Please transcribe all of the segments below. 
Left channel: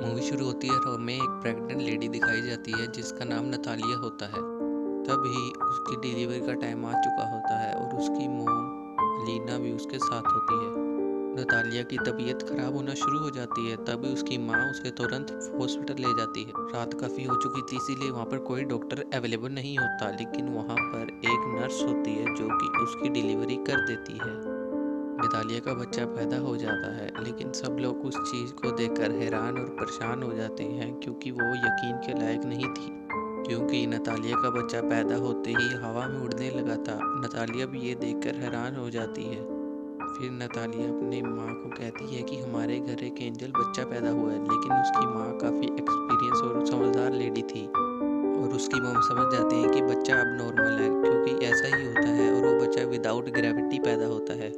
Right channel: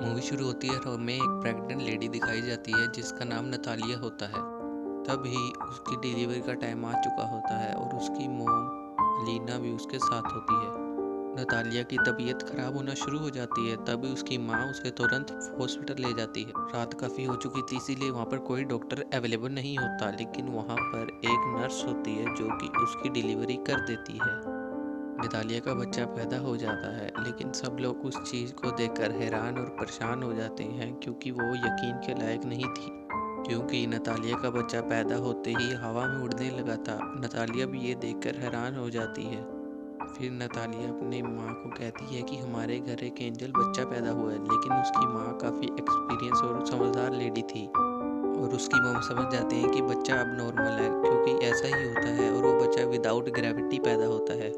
Movie शुरू होती है और हमें एक प्रेग्नेंट लेडी दिखाई जाती है जिसका नाम नतालिया होता है। तभी उसकी डिलीवरी का टाइम आ चुका होता है और उसकी मोम लीना भी उसके साथ होती है। नतालिया की तबीयत खराब होना शुरू हो जाती है, तभी उसकी माँ उसे तुरंत हॉस्पिटल ले जाती है। रात काफ़ी हो चुकी थी, इसीलिए वहाँ पर कोई डॉक्टर अवेलेबल नहीं होता, लेकिन वहाँ पर एक नर्स होती है जो कि उसकी डिलीवरी कर देती है। नतालिया का बच्चा पैदा हो जाता है, लेकिन सब लोग उस चीज़ को देखकर हैरान और परेशान हो जाते हैं क्योंकि वो यकीन के लायक नहीं थी। क्योंकि नतालिया का बच्चा पैदा होते ही हवा में उड़ने लगा था। नतालिया भी ये देखकर हैरान हो जाती है। फिर नतालिया अपनी माँ को कहती है कि हमारे घर एक एंजल बच्चा पैदा हुआ है, लेकिन उसकी माँ काफ़ी एक्सपीरियंस और समझदार लेडी थी और उसकी मॉम समझ जाते हैं कि बच्चा अब नॉर्मल है, क्योंकि ऐसा ही होता है और वो बच्चा विदाउट ग्रेविटी पैदा होता है।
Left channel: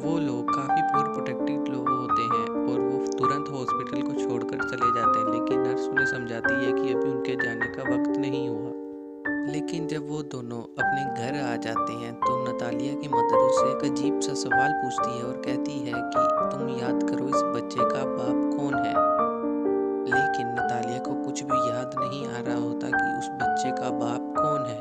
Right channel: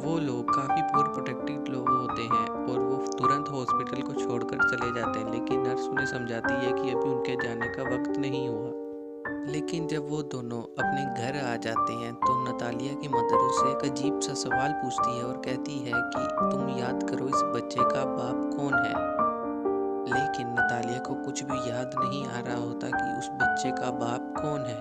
वो लोग काफ़ी पूर प्रोटेक्टिव लोग होते हैं और वो तुरंत हॉस्पिटल को छोड़कर चले जाते हैं, लेकिन नर्स उन्हें समझाती है कि अभी उनके जाने का वक्त नहीं हुआ। लेकिन जब वो दोनों अपने घर आ जाते हैं तो नतालिया की मदर उससे एक अजीब सा सवाल पूछती है और कहती है कि तुम याद करो इस बच्चे का बाप कौन है। लेकिन नतालिया को कुछ भी याद नहीं आ रहा होता कि उस बच्चे का बाप कौन है।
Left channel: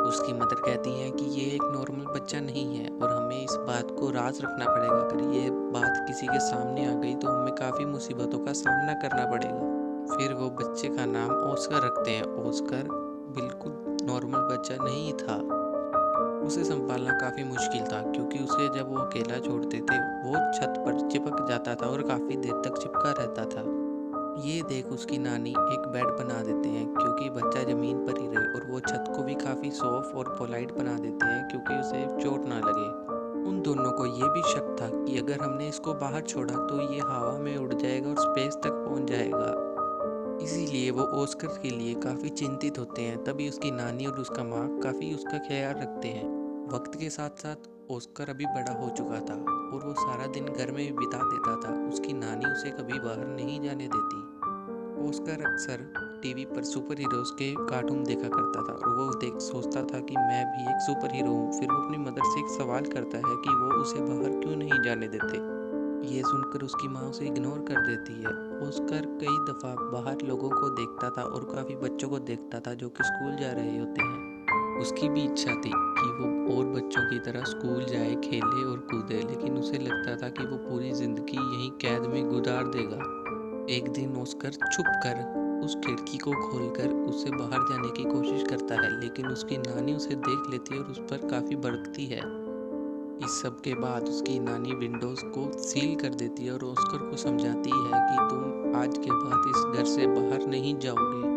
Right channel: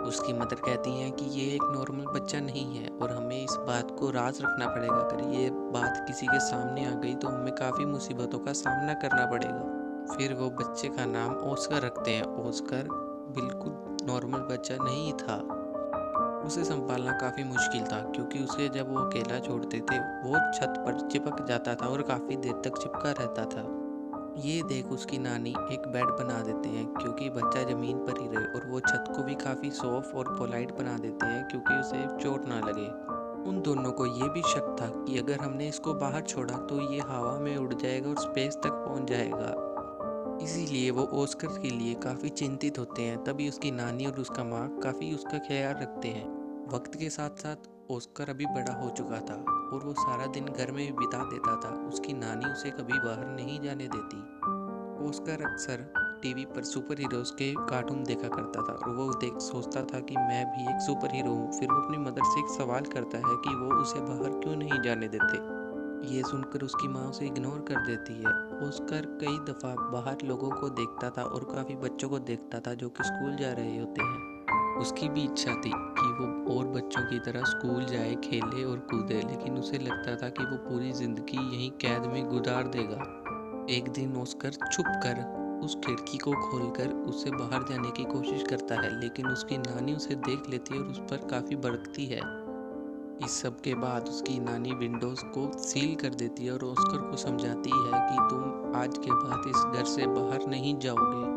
उसकी मदर कहती हैं कि ये एक नॉर्मल बच्चा नहीं है और हमें इस बात को राज रखना पड़ेगा। अगर ये बात किसी के सामने आ गई तो हमें काफ़ी मुसीबतों का सामना करना पड़ेगा। फिर वो बच्चे का नाम ऑस्कर रखते हैं। ऑस्कर बिल्कुल नॉर्मल बच्चा नहीं था। उसे संभालना काफ़ी मुश्किल था, क्योंकि उसे जब वो अकेला छोड़ते थे वो छत पर चिपक जाता था और काफ़ी देर तक चिपका रहता था। ये देख उसकी नानी एक बेड बना देते हैं क्योंकि बच्चा ज़मीन पर ही रहे, और वो छत को भी काफ़ी सॉफ्ट और पोलाइट बना देते हैं क्योंकि उसे चोट ना लगे। उन दोनों को ये भी शक था कि अगर हमने इसको बाहर छोड़ा तो ये हवा में उड़ जाएगा और स्पेस तक पहुंच जाएगा। इसीलिए वो ऑस्कर के लिए काफ़ी चिंतित होते हैं। तभी उसकी नानी और उसका माँ काफ़ी उसका ख्याल रखते हैं। वक्त के साथ साथ ऑस्कर अभी बड़ा हो चुका था और वो सारा दिन घर में बिता देता था। उसकी नानी उसे कभी बाहर नहीं जाने देती। ऑस्कर अक्सर टीवी पर सुपर हीरोज़ के कार्टून देखा करता था और वो देख सोचता था कि मैं भी एक सुपर हीरो हूँ। फिर वो अपनी मदर से एक सवाल करता है कि वो उसे बाहर क्यों नहीं जाने देते। ये सुनकर उसकी माँ उसे इग्नोर कर देती है। ऑस्कर कई दफ़ा बाहर लोगों को देखता था और काफ़ी बच्चों को देखता था जो कि स्कूल जा रहे होते हैं। उसकी भी इच्छा थी कि वो और बच्चों की तरह स्कूल जाए, खेले और कूदे, लेकिन उसे लगता था कि वो पूरी ज़िंदगी यहीं कैद में गुजार देगा। एक दिन ऑस्कर छुप कर उस खिड़की को खोलकर उससे बाहर जाने की कोशिश करता है, लेकिन उसकी नानी उसे देख लेती है और उस पर काफ़ी भड़कती है। इस सब के बाद उसकी नानी विंडोज़ को सील कर देती है और ऑस्कर को समझाती है कि तुम आज के बाद इस घर से बाहर नहीं जाओगे,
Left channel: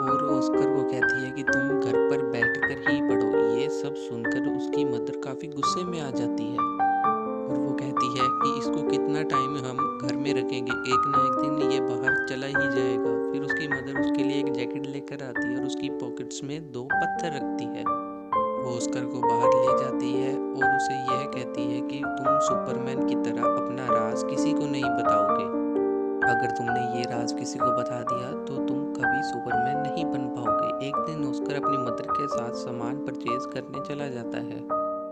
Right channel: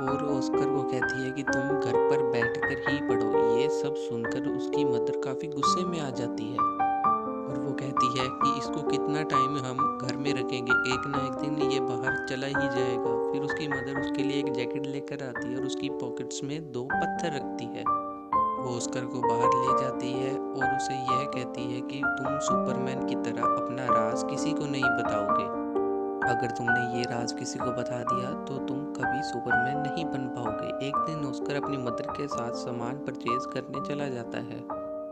और ऑस्कर को कहती है कि तुम घर पर बैठकर ही पढ़ो। ये सब सुनकर उसकी मदर काफ़ी गुस्से में आ जाती है और वो कहती है कि इसको कितना टाइम हम घर में रखेंगे, एक ना एक दिन ये बाहर चला ही जाएगा। फिर उसकी मदर उसके लिए एक जैकेट लेकर आती है और उसकी पॉकेट्स में 2 पत्थर रखती है। वो ऑस्कर को बाहर ले जाती है और उसे यह कहती है कि तुम सुपरमैन की तरह अपना राज किसी को नहीं बताओगे। अगर तुमने ये राज किसी को बता दिया तो तुम कभी सुपरमैन नहीं बन पाओगे। एक दिन ऑस्कर अपनी मदर के साथ सामान परचेज करने चला जाता है।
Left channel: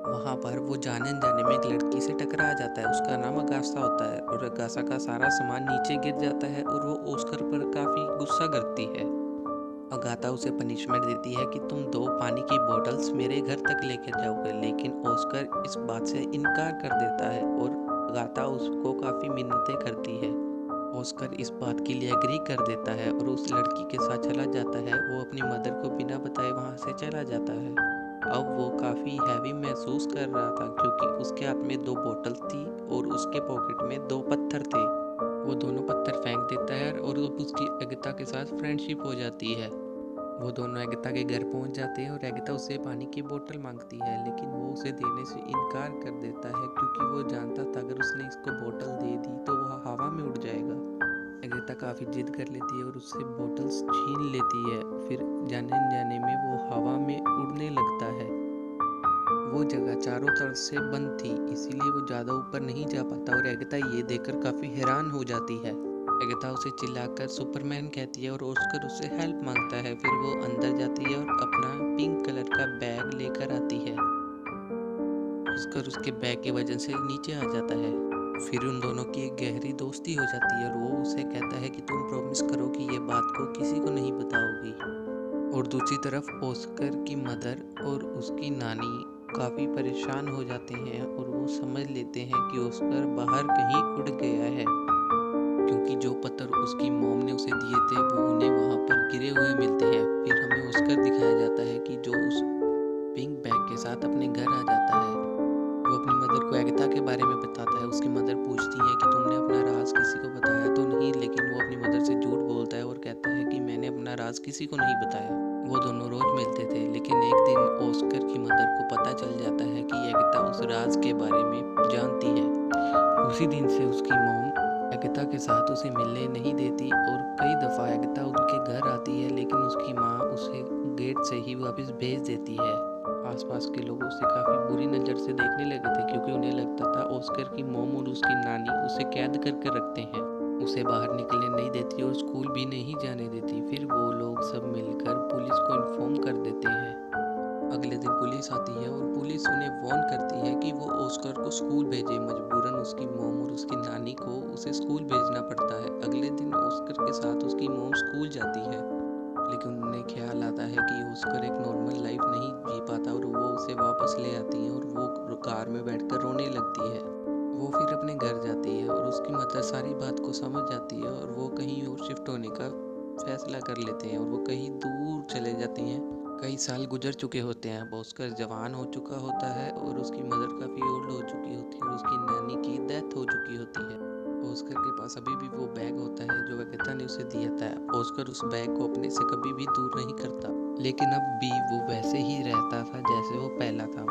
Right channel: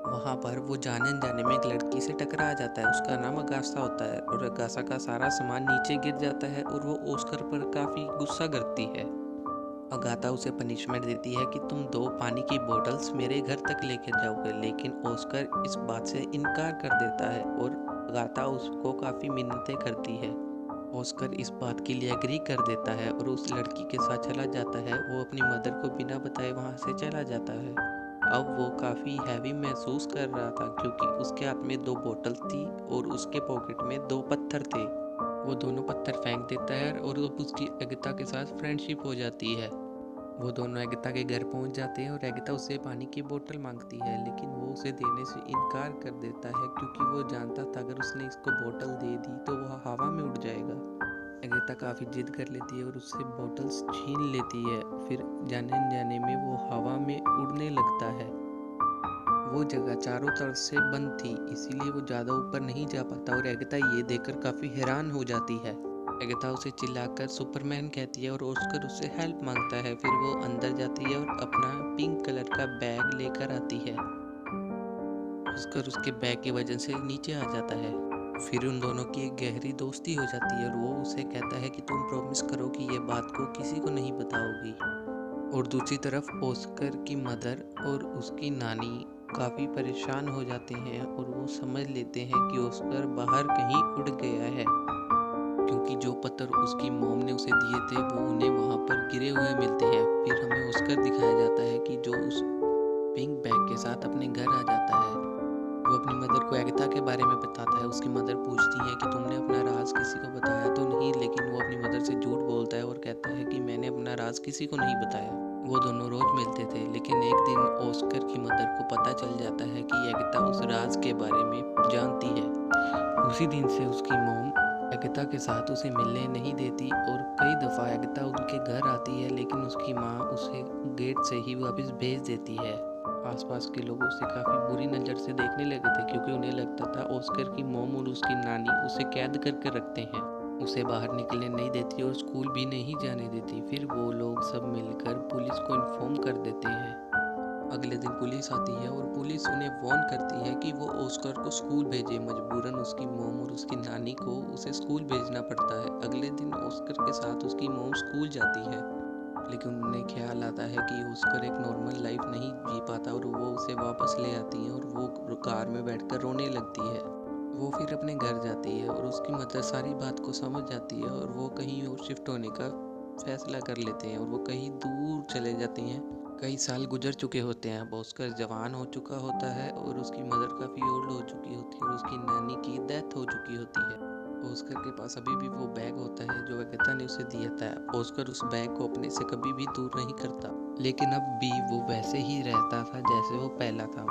वहाँ पर वो जाने अनजाने में एक लड़की से टकरा जाता है। उसका नाम अगासा होता है और अगासा का सारा सामान नीचे गिर जाता है और वो ऑस्कर पर काफ़ी गुस्सा करती है। अगाथा उसे पनिशमेंट देती है कि तुम 2 पानी की बोतल्स मेरे घर तक लेकर जाओगे, लेकिन ऑस्कर इस बात से इनकार कर देता है और अगाथा उसको काफ़ी मिन्नतें करती है। ऑस्कर इस बात के लिए एग्री कर देता है और उस लड़की के साथ चला जाता है। वो अपनी मदर को बिना बताए वहाँ से चला जाता है। अब वो काफ़ी हैवी महसूस कर रहा था क्योंकि उसके हाथ में 2 बोतल्स थी और उसके पॉकेट में 2 पत्थर थे। वो दोनों पत्थर फेंक देता है और अब उसकी एगता के साथ फ्रेंडशिप हो जाती है। वो दोनों एगता के घर पहुंच जाते हैं और एगता उससे पानी की बोतल मांगती है, लेकिन वो उसे देने से इनकार कर देता है क्योंकि वो जानता था अगर उसने इसको बोतल दे दी तो वह हवा में उड़ जाएगा। एगता काफ़ी जिद कर लेती है और उससे बोतल्स छीन लेती है। फिर जाने अनजाने में वो हवा में उड़ने लगता है। वो जगह चारों तरफ से बंद थी, इसीलिए वो ज़्यादा ऊपर नहीं जा पाता और एगता ये देखकर काफ़ी हैरान हो जाती है। एगता उसे चिल्लाकर सुपरमैन कहती है और ऑस्कर उससे हेल्प मांगता है। फिर वो अंदर जाती है और अपना पिंक कलर का बैग लेकर आती है। ऑस्कर उसके बैग की वजह से नीचे आ जाता है। फिर उन दोनों की एक गहरी दोस्ती हो जाती है और वो उसे कहता है कि तुम प्रॉमिस करो कि ये बात को किसी को नहीं बताओगी। और दूसरी तरफ ऑस्कर की मदर और उसकी नानी काफ़ी परेशान हो जाते हैं और वो समझ लेते हैं कि ऑस्कर बाहर कहीं उड़ गया है, क्योंकि जो पत्थर उसकी मॉम ने उसे दिए थे वो उन्हें वहाँ पर गिरे हुए मिलते हैं। फिर हमें ऑस्कर दिखाया जाता है कि जो उस पिंक बैग के साथ अपने घर आ जाता है। वो अपनी मदर को एगता के बारे में बताता है। उसकी मदर पूछती है कि तुमने अपना राज किसी को बताया तो नहीं, लेकिन वो अपनी मदर से झूठ बोलता है और कहता है कि मैंने अपना राज किसी को नहीं बताया। वो दोनों रोज मिलते थे, लेकिन एक दिन ऑस्कर की मदर को पता चल जाता है कि एगता उस राज के बारे में जानती है। उसी दिन से उसकी मॉम एगता के साथ उसे मिलने नहीं देती और कई दफ़ा एगता उनके घर आती है, लेकिन उसकी माँ उसे गेट से ही वापस भेज देती है। आसपास के लोग उसे काफ़ी बुरी नज़र से देखने लगे थे, क्योंकि उन्हें लगता था ऑस्कर की मॉम और उसकी नानी उसे कैद करके रखते हैं, उसे बाहर निकलने नहीं देती और स्कूल भी नहीं जाने देती। फिर वो लोग सब मिलकर पुलिस को इन्फॉर्म कर देते हैं। अगले दिन पुलिस आती है और पुलिस उन्हें वार्न करती है कि वो ऑस्कर को स्कूल भेजे। मजबूरन उसकी मॉम और उसकी नानी को उसे स्कूल भेजना पड़ता है। अगले दिन ऑस्कर के साथ उसकी मॉम स्कूल जाती है, लेकिन उन्हें ख्याल आता है कि ऑस्कर एक नॉर्मल लाइफ नहीं जी पाता और वो उसे वापस ले आती है और वो कार में बैठकर रोने लगती है। वो फिर अपने घर जाती है और उसकी मदर सारी बात को समझ जाती है और वो कहीं और शिफ्ट होने का फैसला कर लेते हैं और वो कहीं दूर चले जाती हैं। कई साल गुजर चुके होते हैं। अब ऑस्कर जवान हो चुका होता है और उसकी मदर काफ़ी ओल्ड हो चुकी होती है और उसकी नानी की डेथ हो चुकी होती है। ऑस्कर के पास अभी भी वो बैग होता है जो एगता ने उसे दिया था। ऑस्कर उस बैग को अपने से कभी भी दूर नहीं करता, लेकिन अब भी वो वैसे ही रहता था जैसे वो पहला था।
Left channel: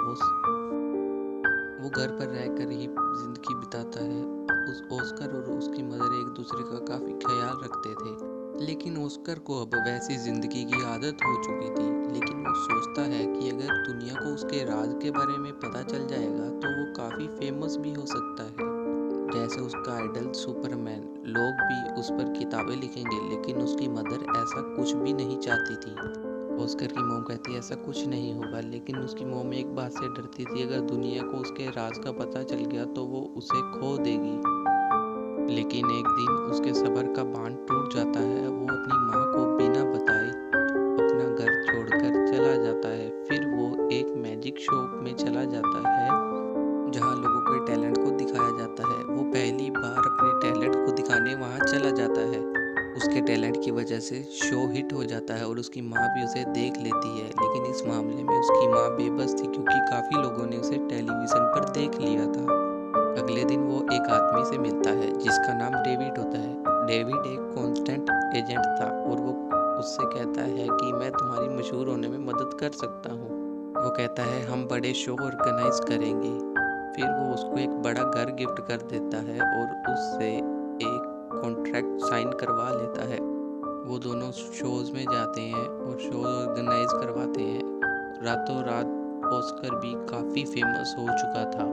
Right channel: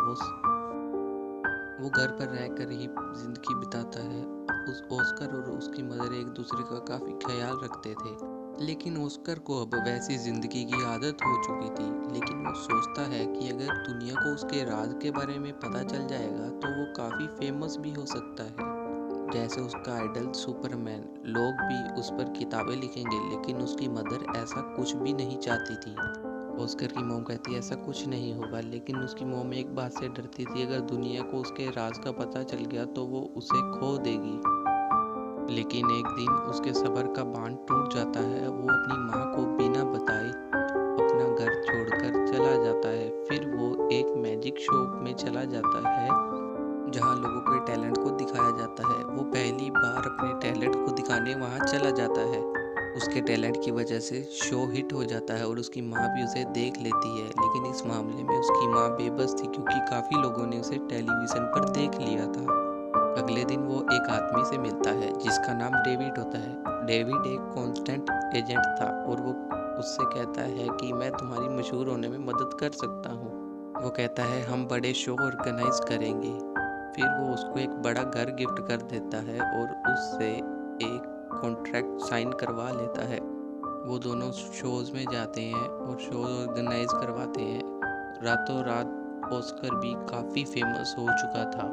वो घर पर रहकर ही जिंदगी बिताता है। उस ऑस्कर और उसकी मदर एक दूसरे का काफ़ी ख्याल रखते थे, लेकिन ऑस्कर को अब वैसी ज़िंदगी की आदत हो चुकी थी। लेकिन वो सोचता है कि अगर दुनिया को उसके राज के बारे में पता चल जाएगा तो वो काफ़ी फेमस भी हो सकता है, जैसे उसका आइडल सुपरमैन। लोग भी उस पर किताबें लिखेंगे। लेकिन उसकी मदर ऐसा कुछ भी नहीं चाहती थी। ऑस्कर की मॉम कहती है ऐसा कुछ नहीं होगा, लेकिन उसकी मॉम एक बात से डरती थी, अगर दुनिया को उसके राज का पता चल गया तो वो उसे खो देगी। लेकिन एक दिन उसके सब्र का बांध टूट जाता है। वो अपनी माँ को बिना बताए अपना घर छोड़कर चला जाता है। फिर वो एक मैजिक शो में चला जाता है जहाँ लोगों के टैलेंट को दिखाया जाता है। वो पहली बार अपने टैलेंट को दिखाने वहाँ चला जाता है। उसके टैलेंट की वजह से शो हिट हो जाता है और उसकी माँ भी उसे देख लेती है। लेकिन इस मामले में उसकी माँ बेबस थी, क्योंकि काफ़ी लोगों ने उसे टेलीविज़न पर देख लिया था। अगले दिन वो एक आदमी से मिलता है जिसका नाम डेविड होता है। डेविड एक कांस्टेंट एजेंट था और वो उससे कहता है कि मैं तुम्हारी मशहूर होने में मदद कर सकता हूँ। वो कहता है हम बड़े शो ऑर्गेनाइज करेंगे। फिर वो उसको एक बड़ा घर गिफ्ट कर देता है और उससे एक कॉन्ट्रैक्ट साइन करवा लेता है। वो दोनों शोज़ में जाते हैं और शो ऑर्गेनाइज करवाते हैं। रातों रात ऑस्कर भी काफ़ी फेमस हो चुका था।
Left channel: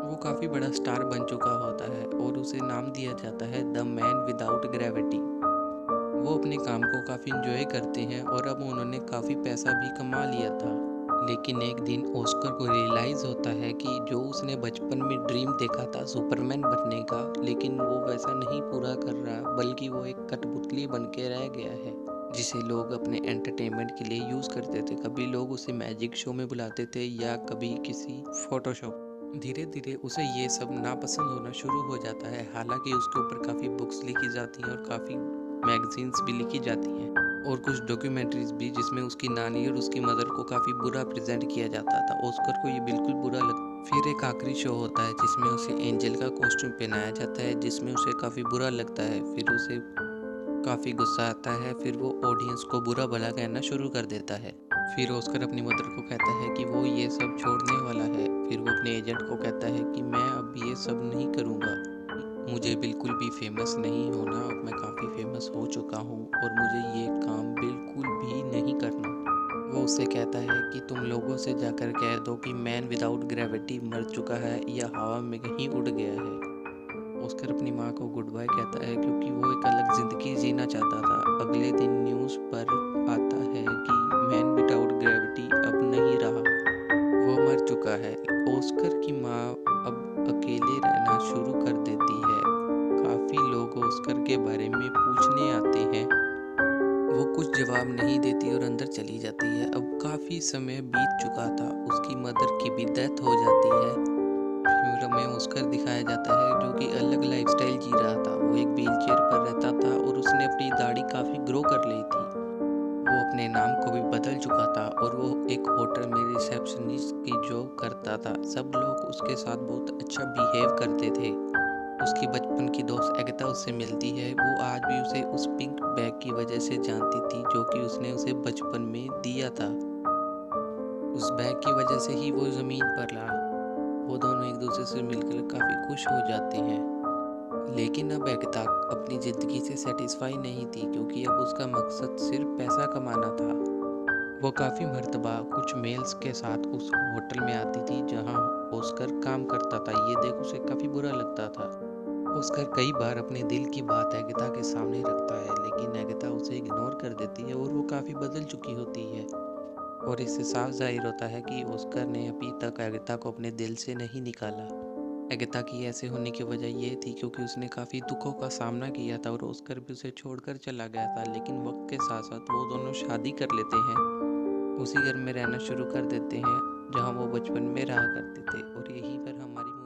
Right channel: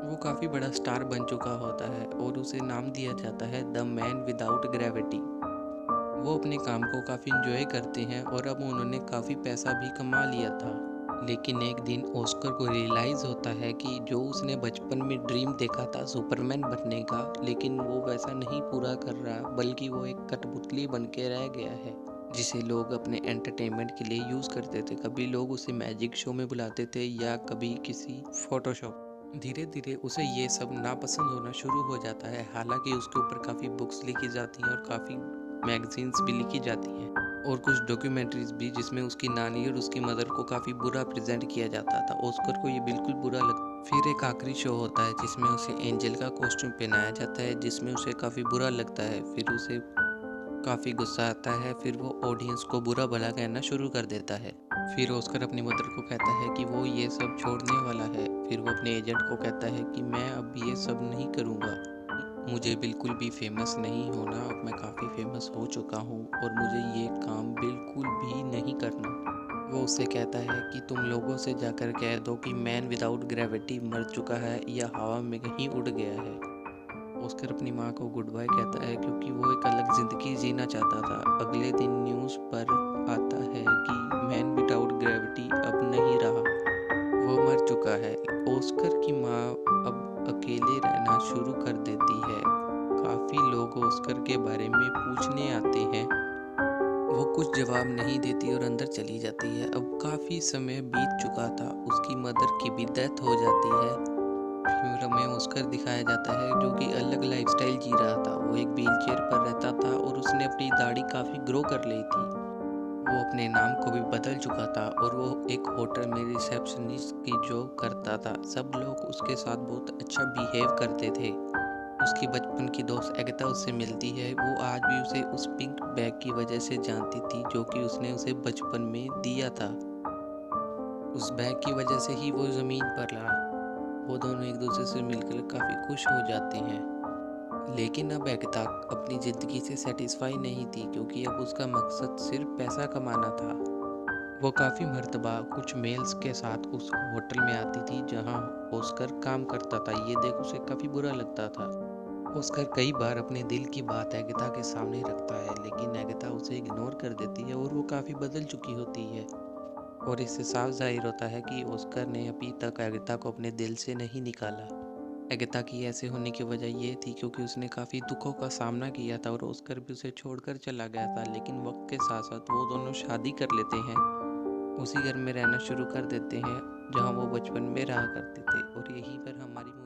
वो काफ़ी बड़ा स्टार बन चुका होता है और उसे नाम दिया जाता है द मैन विदाउट ग्रेविटी। वो अपने काम को काफ़ी इंजॉय करते हैं और अब उन्होंने काफ़ी पैसा भी कमा लिया था। लेकिन एक दिन ऑस्कर को रियलाइज़ होता है कि जो उसने बचपन में ड्रीम देखा था सुपरमैन बनने का, लेकिन वो वैसा नहीं पूरा कर रहा, बल्कि वो एक कठपुतली बन के रह गया है जिसे लोग अपने एंटरटेनमेंट के लिए यूज़ करते थे। कभी लोग उसे मैजिक शो में बुलाते थे या कभी किसी फोटोशॉप। धीरे धीरे उसे ये सब नापसंद होना शुरू हो जाता है। हालांकि उसके ऊपर काफ़ी बुक्स लिखी जाती हैं और काफ़ी मैगजीन्स भी लिखी जाती हैं और कुछ डॉक्यूमेंट्रीज भी, जिसमें उसकी नानी और उसकी मदर को काफ़ी बुरा प्रेजेंट किया जाता था। ऑस्कर को ये बिल्कुल बुरा लगता। फिर एक आखिरी शो होता है जिसमें उसे एंजल का कॉस्ट्यूम पहनाया जाता है, जिसमें उसे काफ़ी बुरा लगता है। फिर उसे काफ़ी गुस्सा आता है। फिर वो ऑडियंस को बुरा भला कहना शुरू कर देता है। फिर ऑस्कर अपनी मदर को कहता है कि वो ये सब छोड़ने वाला है। फिर वो अपने एजेंट को कहता है कि मैं अब ये सब नहीं करूँगा, मुझे बिल्कुल भी फेमस नहीं होना, अब मैं काफ़ी फेमस हो चुका हूँ और मुझे ये काम बिल्कुल भी नहीं करना। वो उससे कहता है कि तुम लोगों से जाकर कह दो कि मैन विदाउट ग्रेविटी मर चुका है या हवा में कहीं उड़ गया है। ऑस्कर अपनी माँ को गुड बाय कहता है, क्योंकि वो एक अलग ज़िंदगी जीना चाहता था। अगले दिन न्यूज़ पर आता है कि मैन विदाउट ग्रेविटी अब नहीं रहा। वो मर चुका है। ऑस्कर की माँ अब अकेले रहना शुरू कर देती है। काफ़ी लोग ऑस्कर के बारे में पूछने आते हैं। वो कुछ जवाब नहीं देती और अंदर चली जाती है। अब काफ़ी समय बीत चुका था। उसकी मदर की भी डेथ हो जाती है। फिर हमें ऑस्कर दिखाया जाता है जो कि अलग लाइफस्टाइल जी रहा था। वो एक व्हील चेयर पर रहता था और उसने अपनी दाढ़ी काफ़ी ग्रो कर ली थी। वो अपने नाम को भी बदल चुका था और वो एक होटल में रिसेप्शनिस्ट की जॉब करता था। सब लोग उसके साथ बहुत अच्छा बिहेव करते थे। उसकी बचपन की दोस्त एगता उससे मिलती है। वो आज भी उसे उस पिंक बैग की वजह से जानती थी जो कि उसने उसे बचपन में दिया था। उस बैग की वजह से ही वो ज़मीन पर रहा। वो दोनों एक दूसरे से मिलकर काफ़ी खुश हो जाते हैं। लेकिन अब एगता अपनी ज़िंदगी से सेटिस्फाई नहीं थी क्योंकि अब उसका मकसद सिर्फ पैसा कमाना था। वो काफ़ी मर्तबा कुछ मेल्स के साथ उस होटल में आती थी जहां ऑस्कर काम करता था। ये देख उसे काफ़ी बुरा लगता था। ऑस्कर कई बार अपने दिल की बात एगता के सामने रखता है लेकिन एगता उसे इग्नोर कर देती है और वो काफ़ी बदल चुकी होती है। और इससे साफ जाहिर होता है कि ऑस्कर ने अभी तक एगता को अपने दिल से नहीं निकाला। एगता की ऐसे होने की वजह ये थी क्योंकि उसने काफ़ी दुखों का सामना किया था और ऑस्कर भी उसे छोड़कर चला गया था। लेकिन वक्त के साथ साथ वो दोनों शादी कर लेते हैं। उसी घर में रहना शुरू कर देते हैं जहाँ वो बचपन में रहा करते थे। और यहीं पर हमारी